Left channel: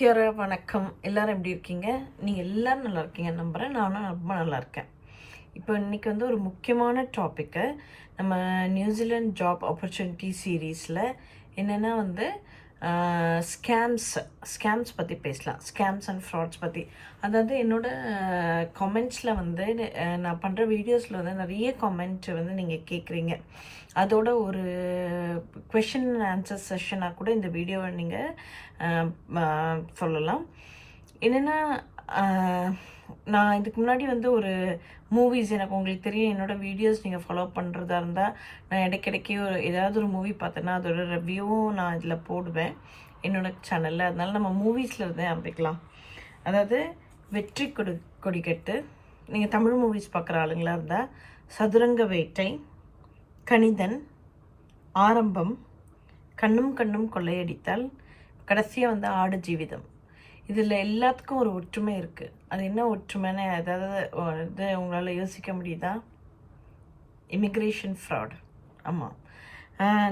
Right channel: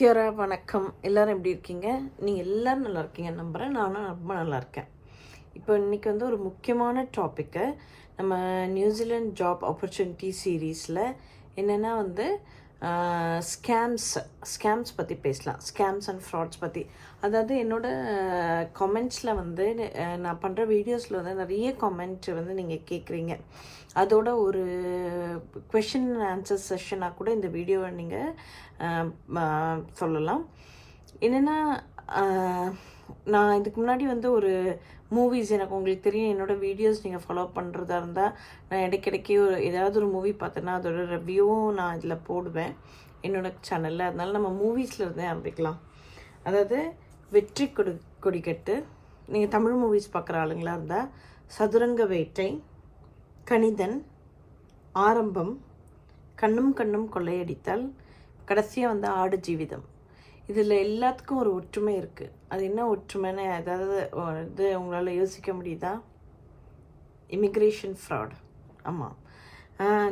கியோரா வணக்கம். எல்லாரும் எப்படி இருக்கீங்க? நீங்கள் எல்லோரும் நல்லா இருக்கீங்க நம்புகிறேன். நானும் ரொம்ப நல்லா இருக்கேன். இப்போ இன்றைக்கி வந்து ஒரு முக்கியமான டாப்பிக்கு நம்ம நியூசிலாண்ட் ஜாப் ஆப்பர்ச்சுனிட்டி சீரீஸில் என்னென்னா வந்து ஸ்கேம்ஸ் பற்றி பேசலாம். ஸ்கேம்ஸ் அண்ட் ஃப்ராட்ஸ் பற்றி. அதாவது என்னோடய கமெண்ட்ஸில் வந்து நான் பண்ணுற வீடியோஸில் வந்து நிறைய கமெண்ட் வந்து நீங்கள் கேட்குறீங்க. அதோட ஒரு கொஷின் அண்ட் ஆன்சர் செஷனாக கூட இந்த வீடியோவை நீங்கள் சொல்லலாம். என்னென்னா நான் இதுக்கு முன்னாடி வந்து ஒரு மூவிஸ் எனக்கு உங்களுக்கு தெரியும். என்னோடய வீடியோஸ் நீங்கள் ஃபாலோ பண்ணுறதா இருந்தால் நான் இடைக்கிடைக்கே ஏதாவது ஒரு மூவி பார்த்தேன்னா அதோட ரிவ்யூவும் நான் இதில் போடுவேன் என்னோடய சேனலில். அதனால் நம்ம மூவிஸில் இருந்தே ஆரம்பிக்கலாம். அதாவது வெற்றி கொடிக்கட்டு, நீங்கள் தமிழ் மூவிஸ் பார்க்குற ஆளுங்களாக இருந்தால் சதுரங்க வேட்டை, கணிதன், ஆரம்பம், கண்ணும் கண்ணும் கொள்ளையடித்தால், கடைசியாக வந்து ஆடு ஜீவிதம். இதில் எல்லாத்துக்கும் ஒரு ஒற்றுமை இருக்குது. அது என்ன ஒற்றுமைன்னு அதாவது இது உங்களால் யோசிக்க முடியுதா? Immigration fraud. ஆமாம்,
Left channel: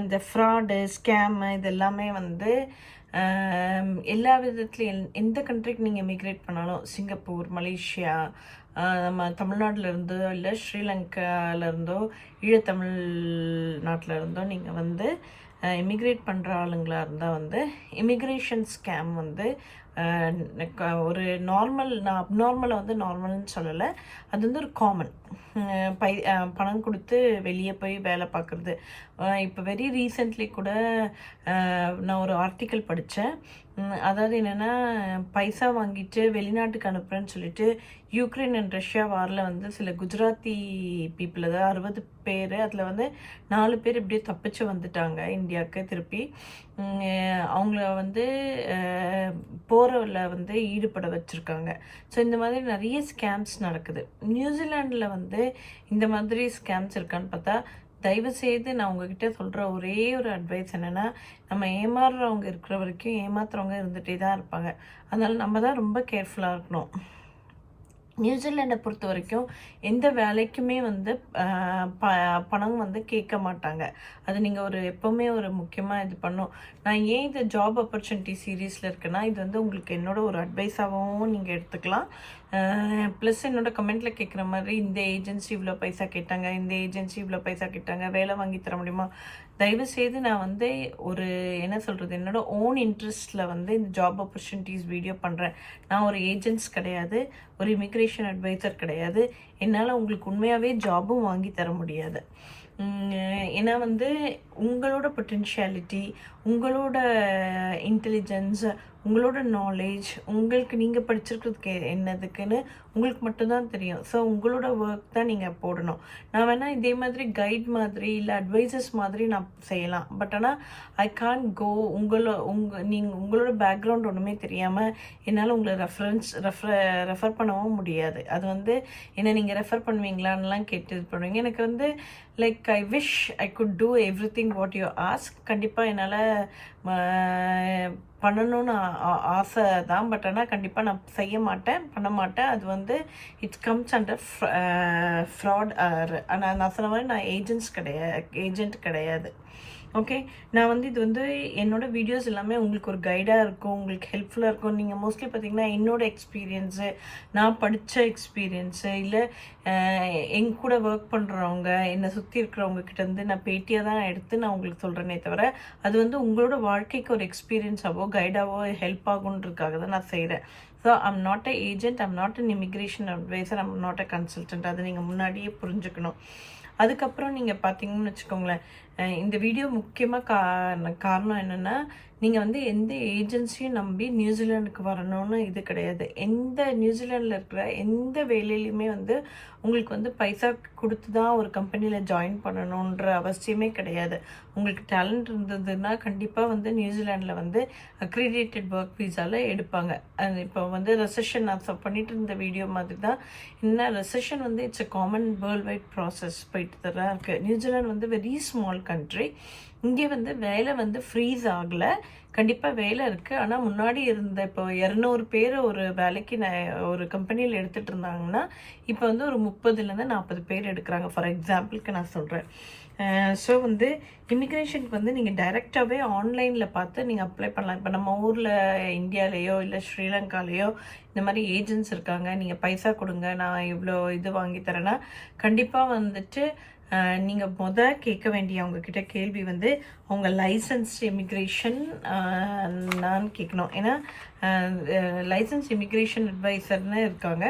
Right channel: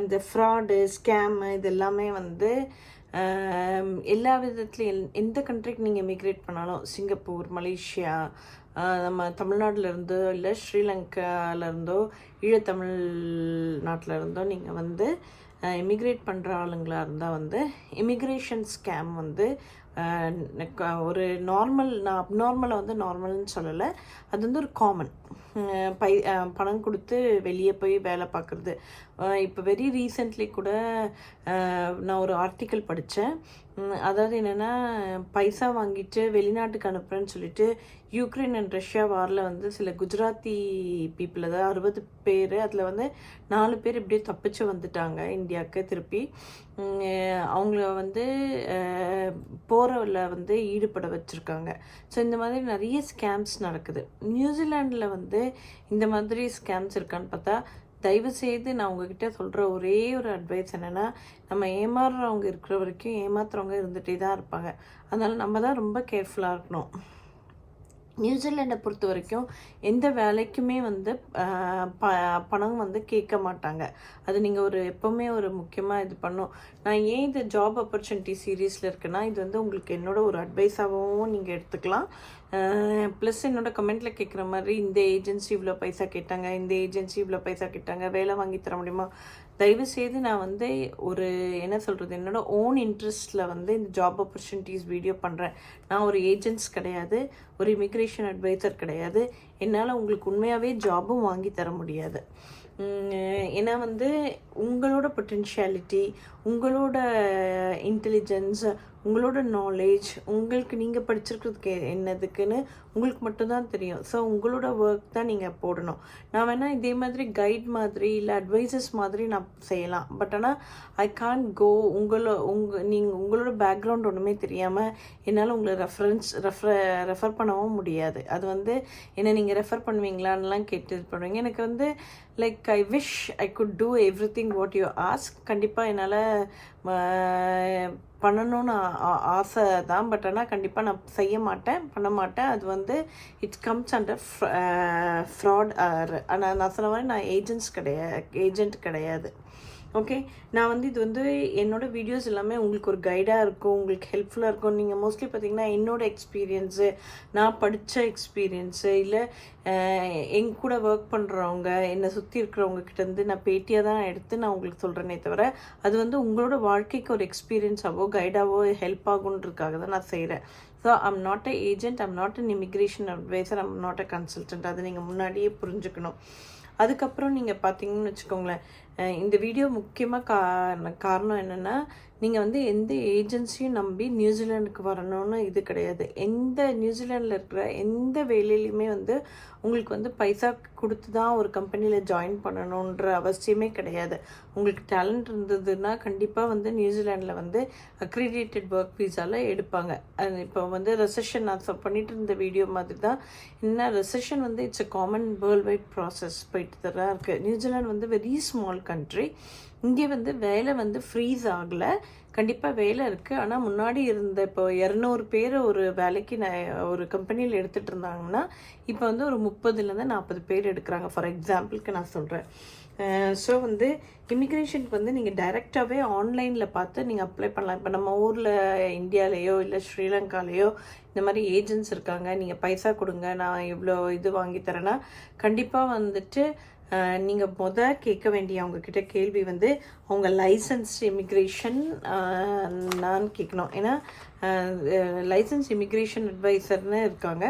இந்த ஃப்ராடு ஸ்கேமு இது எல்லாமே வந்து எல்லா விதத்துலையும் எந்த கண்ட்ரிக்கு நீங்கள் இமிக்ரேட் பண்ணாலும், சிங்கப்பூர், மலேசியா, நம்ம தமிழ்நாட்டிலேருந்தோ இல்லை ஸ்ரீலங்காவிலேருந்தோ ஈழத்தமிழ் நாட்டில் இருந்தோ நீங்கள் வந்து இமிக்ரேட் பண்ணுற ஆளுங்களாக இருந்தால் வந்து இமிக்ரேஷன் ஸ்கேம் வந்து ஒரு நார்மல், நான் அப்நார்மலை வந்து நார்மல்னு சொல்லலை, அது வந்து ஒரு காமன். பணம் கொடுத்து வெளியே போய் வேலை பார்க்குறது. இப்போ வெரி ரீசெண்ட்லி கூட நான் ஒரு ஆர்டிக்கல் படித்தேன். அதாவது என்னென்னா, பைசா வாங்கிட்டு வெளிநாட்டுக்கு அனுப்புகிறேன்னு சொல்லிட்டு யூக்ரைன் அண்ட் ரஷ்யா வாரில் வந்து சில குஜராத்தி பீப்புள், அதாவது 60 பேர், அதில் வந்து 4 பேர் இப்படியே தப்பிச்சு வந்துட்டாங்க இந்தியாவுக்கு திருப்பி. அவங்கள வந்து போரில் வந்து ஈடுபட வச்சுருக்காங்க. ஸோ இந்த மாதிரி நிறைய ஸ்கேம்ஸ் நடக்குது. நியூசிலாண்டில் வந்து இந்த மாதிரி ஸ்கேம்ஸ் இருக்கான்னு பார்த்தா, தயவுசெய்து நான் உங்ககிட்ட சொல்கிற ஒரே ஒரு அட்வைஸ் என்னென்னா, நம்ம ஏமாறுறவங்க இருக்கிற வரைக்கும் ஏமாத்துறவங்க இருந்துகிட்டே தான் இருப்பாங்க. அதனால் நம்ம தான் ரொம்ப கேர்ஃபுல்லாக இருக்கணும். நியூசிலாண்டை பொறுத்த வரைக்கும் எந்த வேலைக்குமே வந்து பணம் வந்து கேட்க மாட்டாங்க. அது நீங்கள் எப்போவுமே ஒரு முக்கியமாக இது பண்ணும். நான் ஏன் இது ஜாப் ஆப்பர்ச்சுனிட்டி சீரீஸில் இருக்குன்னா, இது வந்து உங்களுக்கு என்னோட ஒரு அட்வைஸாகவும் நீங்கள் எடுத்துக்கலாம். ப்ளஸ் என்னோடய கமெண்ட்டில் கேட்குற மாதிரி இந்த ஏஜென்சி இவ்வளோ பைசா கேட்டாங்க, இந்த ஏஜென்சி இவ்வளோ பைசா கேட்டாங்க, வேலை வாங்கி தர முடியுமா? தயவுசெய்து நான் வந்து ஒரு என்ன சொல்கிறது, என்னோடய ஓன் இன்ட்ரெஸ்ட்டில் வந்து இந்த ஜாப் ஆப்பர்ச்சுனிட்டிஸ் வீடியோ பண்ணுறேன். நான் ஒரு ஏஜென்ட்ஸ் கிடையாது, ஒரு இமிக்ரேஷன் அட்வைசர் கிடையாது. என்னால் உங்களுக்கு உண்மையாகவே ஜாபும் வாங்கி தர முடியாது. ஏன்னா வந்து உங்களோட பொட்டென்ஷியாலிட்டி, உங்களோட இன்டெலிஜென்ஸ், உங்களோட நாலேஜ், உங்களுக்கு நீங்கள் படிச்சிருக்கிறதுக்கு என்னதுக்குன்னு உங்களுக்கு மட்டும்தான் தெரியும். ஸோ உங்களோட ஒர்க் தான் நீங்கள் போடணும். நான் வேணால் இதே மாதிரி கைட் மாதிரி இல்லை அட்வைசஸ் மாதிரி நான் செய்யலாம். பட் ஆனால் ஐ கான்ட் கோ உங்களோட பேக்ரவுண்ட் ஒன்றுமே தெரியாமல் என்னால் உங்களை ரெஃபர் பண்ணவும் முடியாது. அது வந்து என்ன நீங்கள் ரெஃபர் பண்ணுவீங்களான்லாம் கேட்டு இது பண்ணுவீங்க. எனக்கு வந்து like I wish I could do everything what you ask. கண்டிப்பாக என்னால் பண்ணணும்னு ஆசை தான். பட் ஆனால் கண்டிப்பாக நான் செய்ய மாட்டேன், பண்ண மாட்டேன். அது வந்து இட்ஸ் கம்ஸ் அண்டர் ஃப்ராட். நான் சொன்ன மாதிரி நான் ஏஜென்ட் கிடையாது. ஓகே, நான் வந்து இது வந்து என்னோடய வீடியோஸ் எல்லாமே உங்களுக்கு ஒரு கைடாக இருக்கும், உங்களுக்கு ஹெல்ப்ஃபுல்லாக இருக்கும். நீங்கள் மோஸ்ட்லி பார்த்திங்கன்னா என்னோடய எக்ஸ்பீரியன்ஸு, நான் படித்த எக்ஸ்பீரியன்ஸு, இல்லை எங்க கூட ஒர்க் பண்ணுறவங்க, என்னை சுற்றி இருக்கிறவங்க கிட்டேருந்து நான் பேட்டியாக தான் எடுத்து நான் உங்களுக்கு சொல்கிறேனே தவிர, அது வந்து உங்களோட வாழ்க்கைக்கு ஒரு எக்ஸ்பீரியன்ஸாவோ கைடாவோ ஹெல்ப் ஆகுன்றதுக்காக தான் நான் செய்கிறேன். So I'm not a agent, I'm not an immigration adviser, I'm not a consultant. அதை நீங்கள் முன்னாடியே புரிஞ்சுக்கணும். அதுக்கப்புறம் நீங்கள் பார்த்தீங்கன்னு வச்சுக்கோங்களேன், இந்த வீடியோ முக்கியமாக காரணம் என்னென்னா, நீங்கள் வந்து எந்த ஏஜென்சியும் நம்பி நியூசிலாண்டுக்கு வரணும்னு இது கிடையாது. நியூசிலாண்டில் இருக்கிற எந்த வேலையிலையுமே வந்து உங்களுக்கு வந்து பைசா கொடுத்து தான் ஒரு கம்பெனியில் ஜாயின் பண்ணணுன்ற அவசியமே கிடையாது. உங்களுக்கு டேலண்ட் இருந்ததுன்னா கண்டிப்பாக வந்து நியூசிலாண்டில் வந்து அக்ரிடேட்டட் ஒர்க் வீசாவில் எடுப்பாங்க. அது இப்போ வந்து ரெசெஷன் நான் பண்ணிட்டு இருந்த வீடியோ மாதிரி தான். என்ன ரெசெஷன் வந்து it's a common world wide process போயிட்டு தான் இருக்குது. நியூசிலாந்து வந்து வெரி ஸ்மால் கண்ட்ரி. இங்கே வந்து வேலை வந்து ஃப்ரீஸ் ஆகலை, கண்டிப்பாக வேலை இருக்குது. ஆனால் முன்னாடி இருந்த இப்போ 200 பேர் ஒரு வேலைக்கு ஒரு கம்பெனியில் எடுத்துகிட்டு இருந்தாங்கன்னா இப்போ வந்து ஒரு 30லேருந்து 40 பேர் எடுக்கிறாங்க. ஃபார் எக்ஸாம்பிளுக்கு நான் சொல்கிறேன். ஸோ வந்து இமிக்ரேஷனுக்கு வந்து நீங்கள் டைரெக்டாகவே ஆன்லைனில் பார்த்து நீங்கள் அப்ளை பண்ணலாம். இப்போ நம்ம ஊரில் இந்தியாலேயோ இல்லை ஸ்ரீலங்காலேயோ இந்த மாதிரி ஏஜென்ட்ஸ் இருக்காங்க, நீங்கள் பைசா கொடுங்க நான் இவ்வளோ இது வாங்கி தரேன்னா கண்டிப்பாக வந்துட்டு நீங்கள் கேட்க வேண்டிய அவங்கக்கிட்ட கேள்வி வந்து அவங்க லைசன்ஸ் இமிக்ரேஷன் நான் கேட்கணும். ஏன்னா லைசன்ஸ் இமிக்ரேஷன் அட்வைசர்னு இருக்காங்க.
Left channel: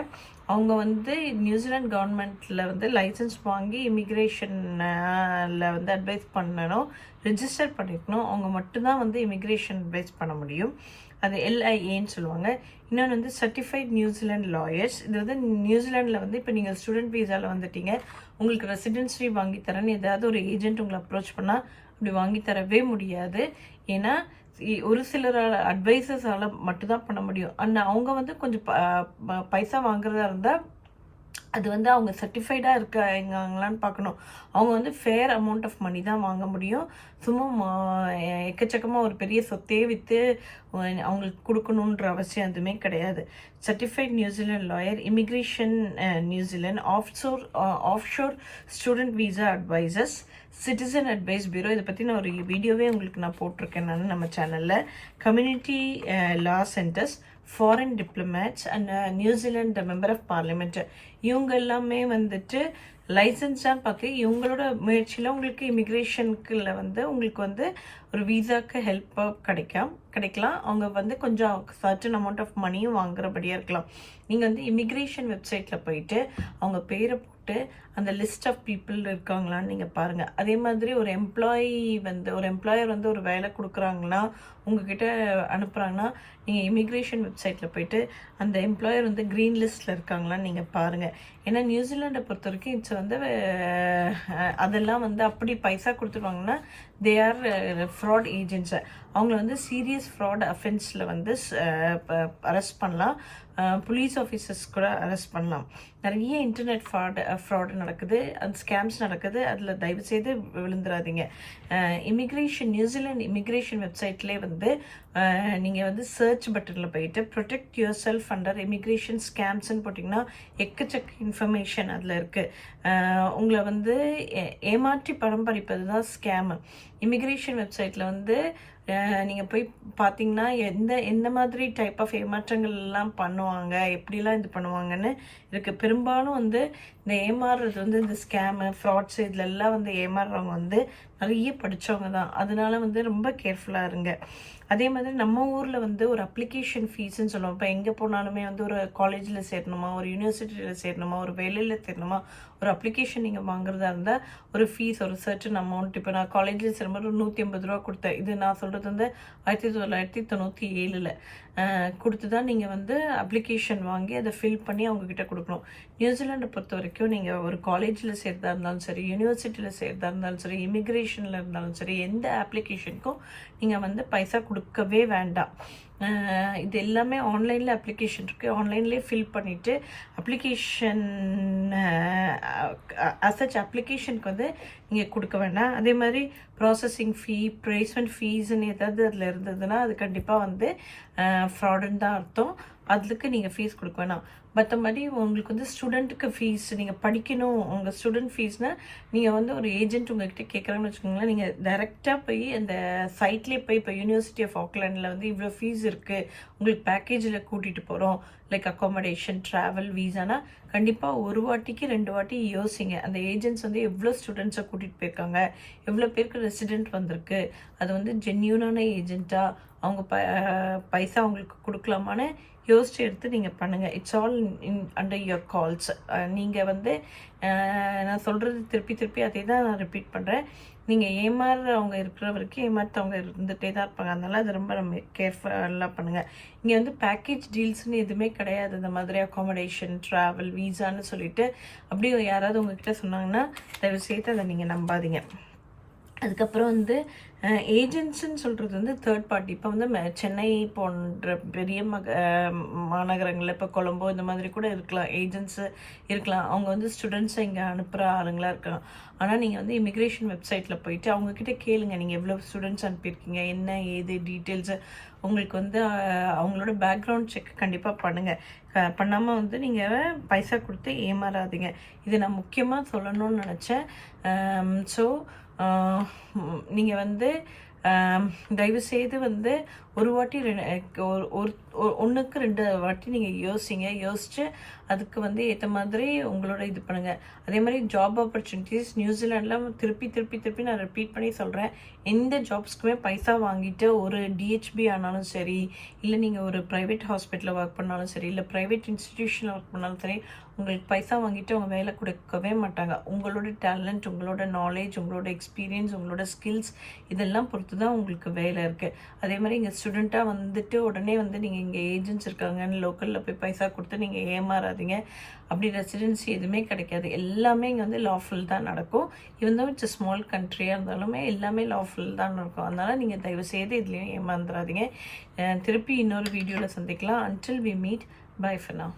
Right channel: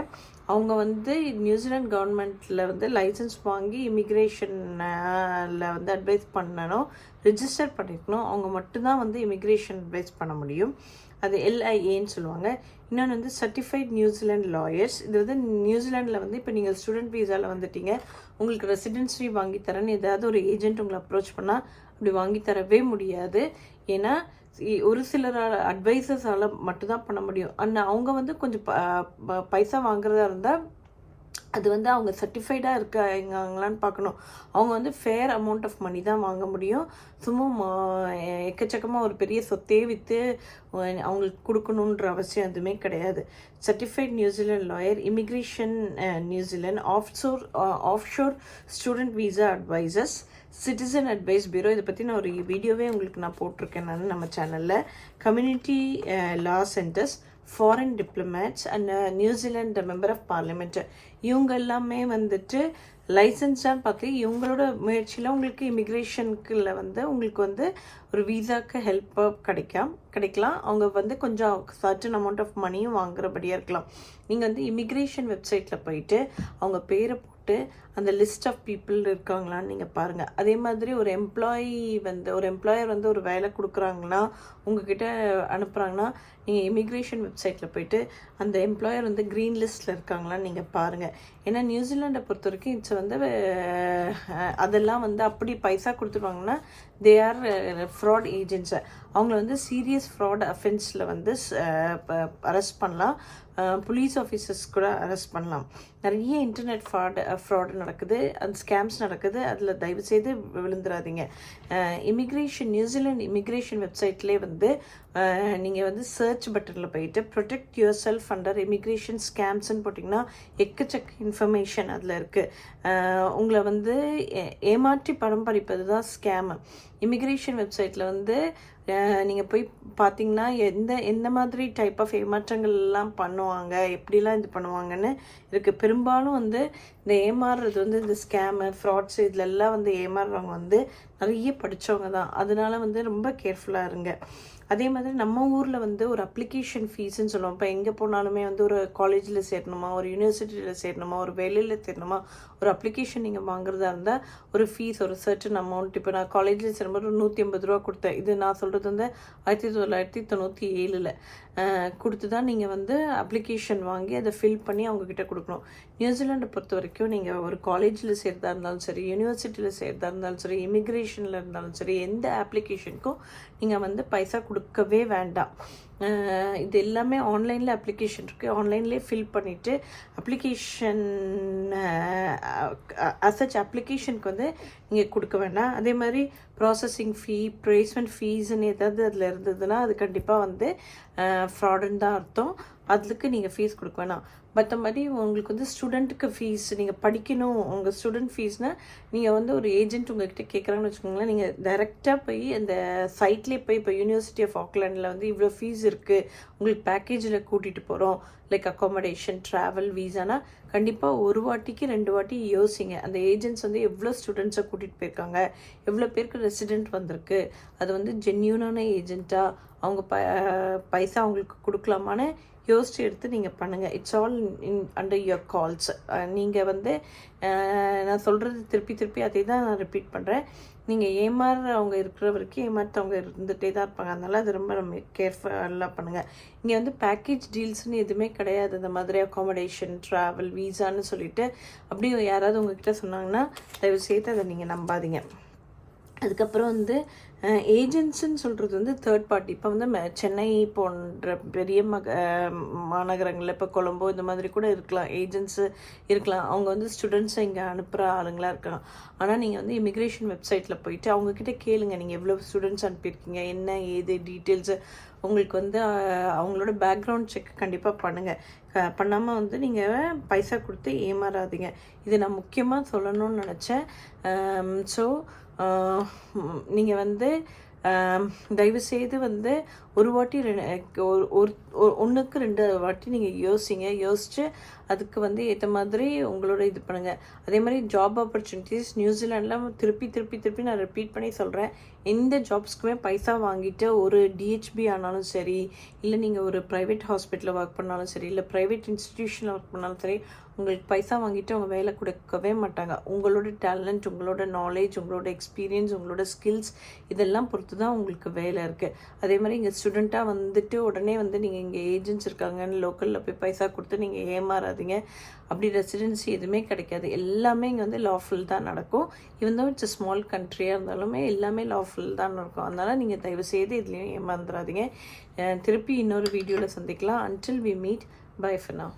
அவங்க வந்து நியூசிலாந்து கவர்மெண்ட்டில் வந்து லைசன்ஸ் வாங்கி இமிக்ரேஷனில் வந்து அட்வைஸ் பண்ணணும், ரிஜிஸ்டர் பண்ணிக்கணும். அவங்க மட்டும்தான் வந்து இமிக்ரேஷன் அட்வைஸ் பண்ண முடியும். அது LIAன்னு சொல்லுவாங்க. இன்னொன்று வந்து சர்டிஃபைட் நியூசிலாண்ட் லாயர்ஸ். இது வந்து நியூசிலாண்டில் வந்து இப்போ நீங்கள் ஸ்டூடெண்ட் வீசாவில் வந்துட்டீங்க, உங்களுக்கு ரெசிடென்சி வாங்கி தரேன்னு ஏதாவது ஒரு ஏஜென்ட் உங்களை அப்ரோச் பண்ணால் அப்படி வாங்கி தரவே முடியாது. ஏன்னா ஒரு சிலர் அட்வைசர்ஸால் மட்டும்தான் பண்ண முடியும். அவங்க வந்து கொஞ்சம் பைசா வாங்குறதா இருந்தால் அது வந்து அவங்க சர்டிஃபைடாக இருக்காங்களான்னு பார்க்கணும். அவங்க வந்து ஃபேர் அமௌண்ட் ஆஃப் மணி தான் வாங்க முடியும். சும்மா எக்கச்சக்கமாக ஒரு பெரிய சொத்தையே விற்று அவங்களுக்கு கொடுக்கணுன்ற அவசியம் எதுவுமே கிடையாது. Certified New Zealand lawyer, immigration New Zealand, offshore student visa advisers, citizen advice bureau. இதை பற்றி நான் ஒரு வீடியோவே உங்களுக்கு நான் போட்டிருக்கேன் நான் நம்ம சேனலில். Community law centres, foreign diplomats and New Zealand member of parliament. இவங்க எல்லாமே வந்துட்டு லைசன்ஸான்னு பார்த்து இவங்களோட முயற்சியில் உங்களுக்கு இமிக்ரேஷனுக்குள்ள வந்து உங்களுக்கு வந்து ஒரு வீசாக்கு ஹெல்ப்பாக கிடைக்கலாம். அவங்க வந்து கொஞ்சம் சர்டன் அமௌண்ட் ஆஃப் மணியும் வாங்குறபடியாக இருக்கலாம். நீங்கள் வந்து இமிக்ரேஷன் வெப்சைட்டில் போயிட்டு அவங்க பேரை போட்டு அந்த லிஸ்ட் ஆஃப் பீப்புள் இருக்காங்களான்னு நீங்கள் பாருங்கள். அதே மாதிரி ஒரு எம்ப்ளாயர் வந்து ஒரு வேலை கொடுக்குறாங்கன்னா உங்ககிட்ட அனுப்புகிறாங்கன்னா நீங்கள் இமிக்ரேஷன் வெப்சைட்டில் போயிட்டு அந்த எம்ப்ளாயர் வந்து க்ரீன் லிஸ்ட்டில் இருக்காங்களான்னு நீங்கள் பாருங்கள். ஏன்னா நியூசிலாண்டை பொறுத்த வரைக்கும் இட்ஸ் வந்து அதெல்லாம் வந்து அப்படி பைசா கொடுத்துருவாங்கன்னா தே ஆர் ஃப்ராட் ஏஜென்ட்ஸை. அவங்கள வந்து சீரியஸ் ஃப்ராட் அஃபென்ஸில் வந்து அரெஸ்ட் பண்ணலாம். போலீஸ் ஆஃபீஸர்ஸ் கூட அரெஸ்ட் பண்ணலாம். நிறைய இன்டர்நெட் ஃப்ராடு நடக்குது, அந்த ஸ்கேம்ஸ் நடக்குது. அதில் தயவுசெய்து விழுந்துடாதீங்க. நியூசிலாண்ட் இமிக்ரேஷன் வெப்சைட்லேயே வந்து நீங்கள் வந்து சர்ச் பட்டனில் போயிட்டு protect yourself under immigration ஸ்கேம்ஸ்ன்னு போட்டிங்கன்னா எக்கச்சக்க இன்ஃபர்மேஷன் அதில் இருக்குது. உங்களை வந்து ஏமாற்றி பணம் பறிப்பது தான் ஸ்கேமு. இமிக்ரேஷன் வெப்சைட்டில் வந்து நீங்கள் போய் பார்த்தீங்கன்னா எந்த மாதிரி டைப் ஆஃப் ஏமாற்றங்கள்லாம் பண்ணுவாங்க, எப்படிலாம் இது பண்ணுவாங்கன்னு இருக்குது. பெரும்பாலும் வந்து இந்த ஏமாறுறது வந்து இந்த ஸ்கேமு ஃப்ராட்ஸு இதிலெல்லாம் வந்து ஏமாறுறவங்க வந்து நிறைய படித்தவங்க தான். அதனால வந்து ரொம்ப கேர்ஃபுல்லாக இருங்க. அதே மாதிரி நம்ம ஊரில் வந்து ஒரு அப்ளிகேஷன் ஃபீஸ்ன்னு சொல்லுவோம். இப்போ எங்கே போனாலுமே வந்து ஒரு காலேஜில் சேரணுமா, ஒரு யூனிவர்சிட்டியில் சேரணுமா, ஒரு வேலையில் சேரணுமா, ஒரு அப்ளிகேஷன் நீங்கள் வாங்குறதா இருந்தால் ஒரு ஃபீஸ், ஒரு சர்டன் அமௌண்ட். இப்போ நான் காலேஜில் சேரும்போது 150 ரூபா கொடுத்தேன். இது நான் சொல்கிறது வந்து 1997 கொடுத்து தான் நீங்கள் வந்து அப்ளிகேஷன் வாங்கி அதை ஃபில் பண்ணி அவங்கக்கிட்ட கொடுக்கணும். நியூசிலாண்டை பொறுத்த வரைக்கும் நீங்கள் ஒரு காலேஜில் சேர்த்தா இருந்தாலும் சரி, யூனிவர்சிட்டியில் சேர்த்தா இருந்தாலும் சரி, இமிக்ரேஷனில் இருந்தாலும் சரி, எந்த அப்ளிகேஷனுக்கும் நீங்கள் வந்து பைசா கொடுக்கவே வேண்டாம். இது எல்லாமே ஆன்லைனில் அப்ளிகேஷன் இருக்குது. ஆன்லைன்லேயே ஃபில் பண்ணிவிட்டு அப்ளிகேஷன் அசச் அப்ளிகேஷனுக்கு வந்து நீங்கள் கொடுக்க வேண்டாம். அதே மாதிரி ப்ராசஸிங் ப்ளேஸ்மெண்ட் ஃபீஸ்ன்னு ஏதாவது அதில் இருந்ததுன்னா அது கண்டிப்பாக வந்து ஃப்ராடுன்னு தான் அர்த்தம். அதுக்கு நீங்கள் ஃபீஸ் கொடுக்க வேணாம். மற்றபடி உங்களுக்கு வந்து ஸ்டூடெண்ட்டுக்கு ஃபீஸ், நீங்கள் படிக்கணும், உங்கள் ஸ்டூடெண்ட் ஃபீஸ்னால் நீங்கள் வந்து ஒரு ஏஜென்ட் உங்கள்கிட்ட கேட்குறாங்கன்னு வச்சுக்கோங்களேன், நீங்கள் டைரெக்டாக போய் அந்த சைட்லேயே போய் இப்போ யூனிவர்சிட்டி ஆஃப் ஆக்லாண்டில் வந்து இவ்வளோ ஃபீஸ் இருக்குது, உங்களுக்கு பேக்கேஜில் கூட்டிகிட்டு போகிறோம், லைக் அக்காமடேஷன், ட்ராவல், வீசானா கண்டிப்பாக ஒரு வாட்டிக்கு 2 வாட்டி யோசிங்க. அந்த ஏஜென்ட்ஸ் வந்து எவ்வளோ ஸ்டூடெண்ட்ஸை கூட்டிகிட்டு போயிருக்காங்க, எவ்வளோ பேருக்கு ரெசிடெண்ட் வந்திருக்கு, அது வந்து ஜென்யூனான ஏஜென்ட்டாக அவங்க பைசா அவங்களுக்கு கொடுக்கலாமான்னு யோசிச்சு எடுத்து நீங்கள் பண்ணுங்கள். It's all under your calls. நீங்கள் வந்து நான் சொல்கிறது திருப்பி அதே தான் நான் ரிப்பீட் பண்ணுறேன். நீங்கள் ஏமாறுறவங்க இருக்கிற வரைக்கும் ஏமாற்றவங்க இருந்துகிட்டே தான் இருப்பாங்க. அதனால் அது ரொம்ப கேர்ஃபுல்லாக பண்ணுங்கள். இங்கே வந்து பேக்கேஜ் டீல்ஸ்னு எதுவுமே கிடையாது. இந்த மாதிரி அக்காமடேஷன், ட்ராவல், வீசான்னு சொல்லிவிட்டு அப்படி யாராவது உங்கள்கிட்ட சொன்னாங்கன்னா தயவு செய்து அதை நீங்கள் நம்பாதீங்க. அதுக்கப்புறம் வந்து ஏஜென்ட்ஸுன்னு சொல்கிறது வந்து தேர்ட் பார்ட்டி. இப்போ வந்து சென்னை போன்ற பெரிய மாநகரங்களில் இப்போ கொலம்போ இந்த மாதிரி கூட இருக்கலாம், ஏஜென்ட்ஸு இருக்கலாம். அவங்க வந்து ஸ்டூடெண்ட்ஸை இங்கே அனுப்புகிற ஆளுங்களாக இருக்கலாம். ஆனால் நீங்கள் வந்து இமிக்ரேஷன் வெப்சைட்டில் போயிட்டு அவங்கக்கிட்ட கேளுங்க, நீங்கள் எவ்வளோ ஸ்டூடெண்ட்ஸ் அனுப்பியிருக்கீங்க, என்ன ஏது டீட்டெயில்ஸு, உங்களுக்கு வந்து அவங்களோட பேக்ரவுண்ட் செக் கண்டிப்பாக பண்ணுங்கள். பண்ணாமல் வந்து நீங்கள் பைசா கொடுத்து ஏமாறாதீங்க. இது நான் முக்கியமாக சொல்லணும்னு நினச்சேன். ஸோ நீங்கள் வந்து தயவுசெய்து வந்து ஒரு வாட்டி ஒன்றுக்கு 2 வாட்டி நீங்கள் யோசித்து அதுக்கு வந்து ஏற்ற மாதிரி உங்களோட இது பண்ணுங்கள். அதே மாதிரி ஜாப் ஆப்பர்ச்சுனிட்டிஸ் நியூசிலாண்டில் திருப்பி நான் ரிப்பீட் பண்ணி சொல்கிறேன். எந்த ஜாப்ஸ்க்குமே பைசா வாங்கிட்டு ஒரு டிஹெச்பி ஆனாலும் சரி, இல்லை நீங்கள் ஒரு ப்ரைவேட் ஹாஸ்பிட்டலில் ஒர்க் பண்ணாலும் சரி, இல்லை ப்ரைவேட் இன்ஸ்டிடியூஷனில் ஒர்க் பண்ணாலும் சரி, உங்களுக்கு பைசா வாங்கிட்டு அவங்க வேலை கொடுக்கவே மாட்டாங்க. உங்களோட டேலண்ட், உங்களோட நாலேஜ், உங்களோட எக்ஸ்பீரியன்ஸ், உங்களோட ஸ்கில்ஸ் இதெல்லாம் பொறுத்து தான் உங்களுக்கு வேலை இருக்குது. அதே மாதிரி இங்கே ஸ்டூடெண்ட்டாக வந்துட்டு உடனே வந்து நீங்கள் இங்கே ஏஜென்ட்ஸ் இருக்காங்கன்னு லோக்கலில் போய் பைசா கொடுத்து நீங்கள் ஏமாறாதீங்க. அப்படி ரெசிடென்சி எதுவுமே கிடைக்காது. எல்லாமே இங்கே வந்து லாஃபுல் தான் நடக்கும். இவன் தான் இட்ஸ் ஸ்மால் கண்ட்ரியாக இருந்தாலுமே எல்லாமே லாஃபுல் தான் நடக்கும். அதனால் நீங்கள் தயவுசெய்து இதுலேயும் ஏமாந்துடாதீங்க. திருப்பி இன்னொரு வீடியோவில் சந்திக்கலாம். Until we meet, bye for now.